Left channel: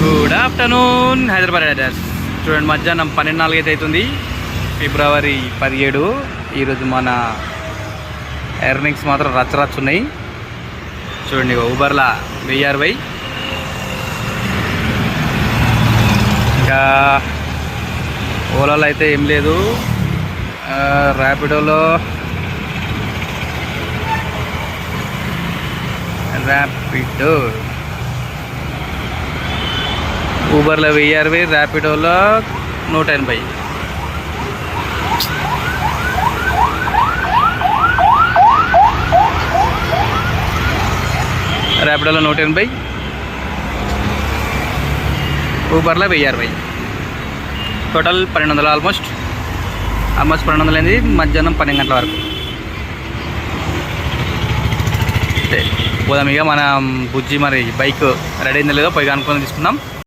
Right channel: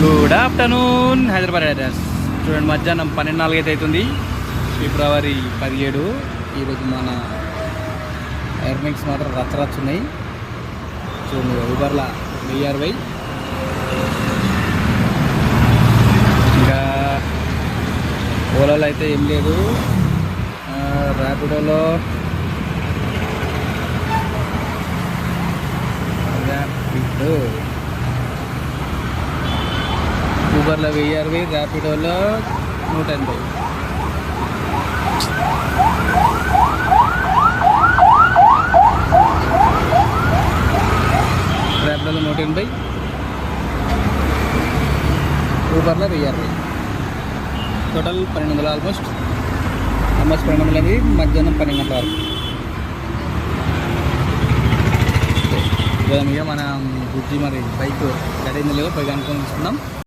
Good afternoon Hyderabad riders. చూడండి, మధ్యాహ్నం 12:04 అయితే అవుతుంది. ఫిబ్రవరి 17. ఈరోజు మన ఎర్నింగ్స్ మాత్రం రచ్చ ఉన్నాయి. చూడండి, ఊబర్లా 1060, ఇంకా ఓలాలో అయితే ఏం లేదు. ర్యాపిడోలో ఊబర్లో 1060, ర్యాపిడోలో 180. ర్యాపిడోలో 180, ఊబర్లో 1060. టోటల్ 1200. ఆల్మోస్ట్ 1200 అయింది మధ్యాహ్నం 12 గంటల వరకు. పోదాం ఇక. మన బుజ్జి మరి బైక్ రెడీ అయిందో లేదో పోయి కనుక్కొని తీసుకుందాం.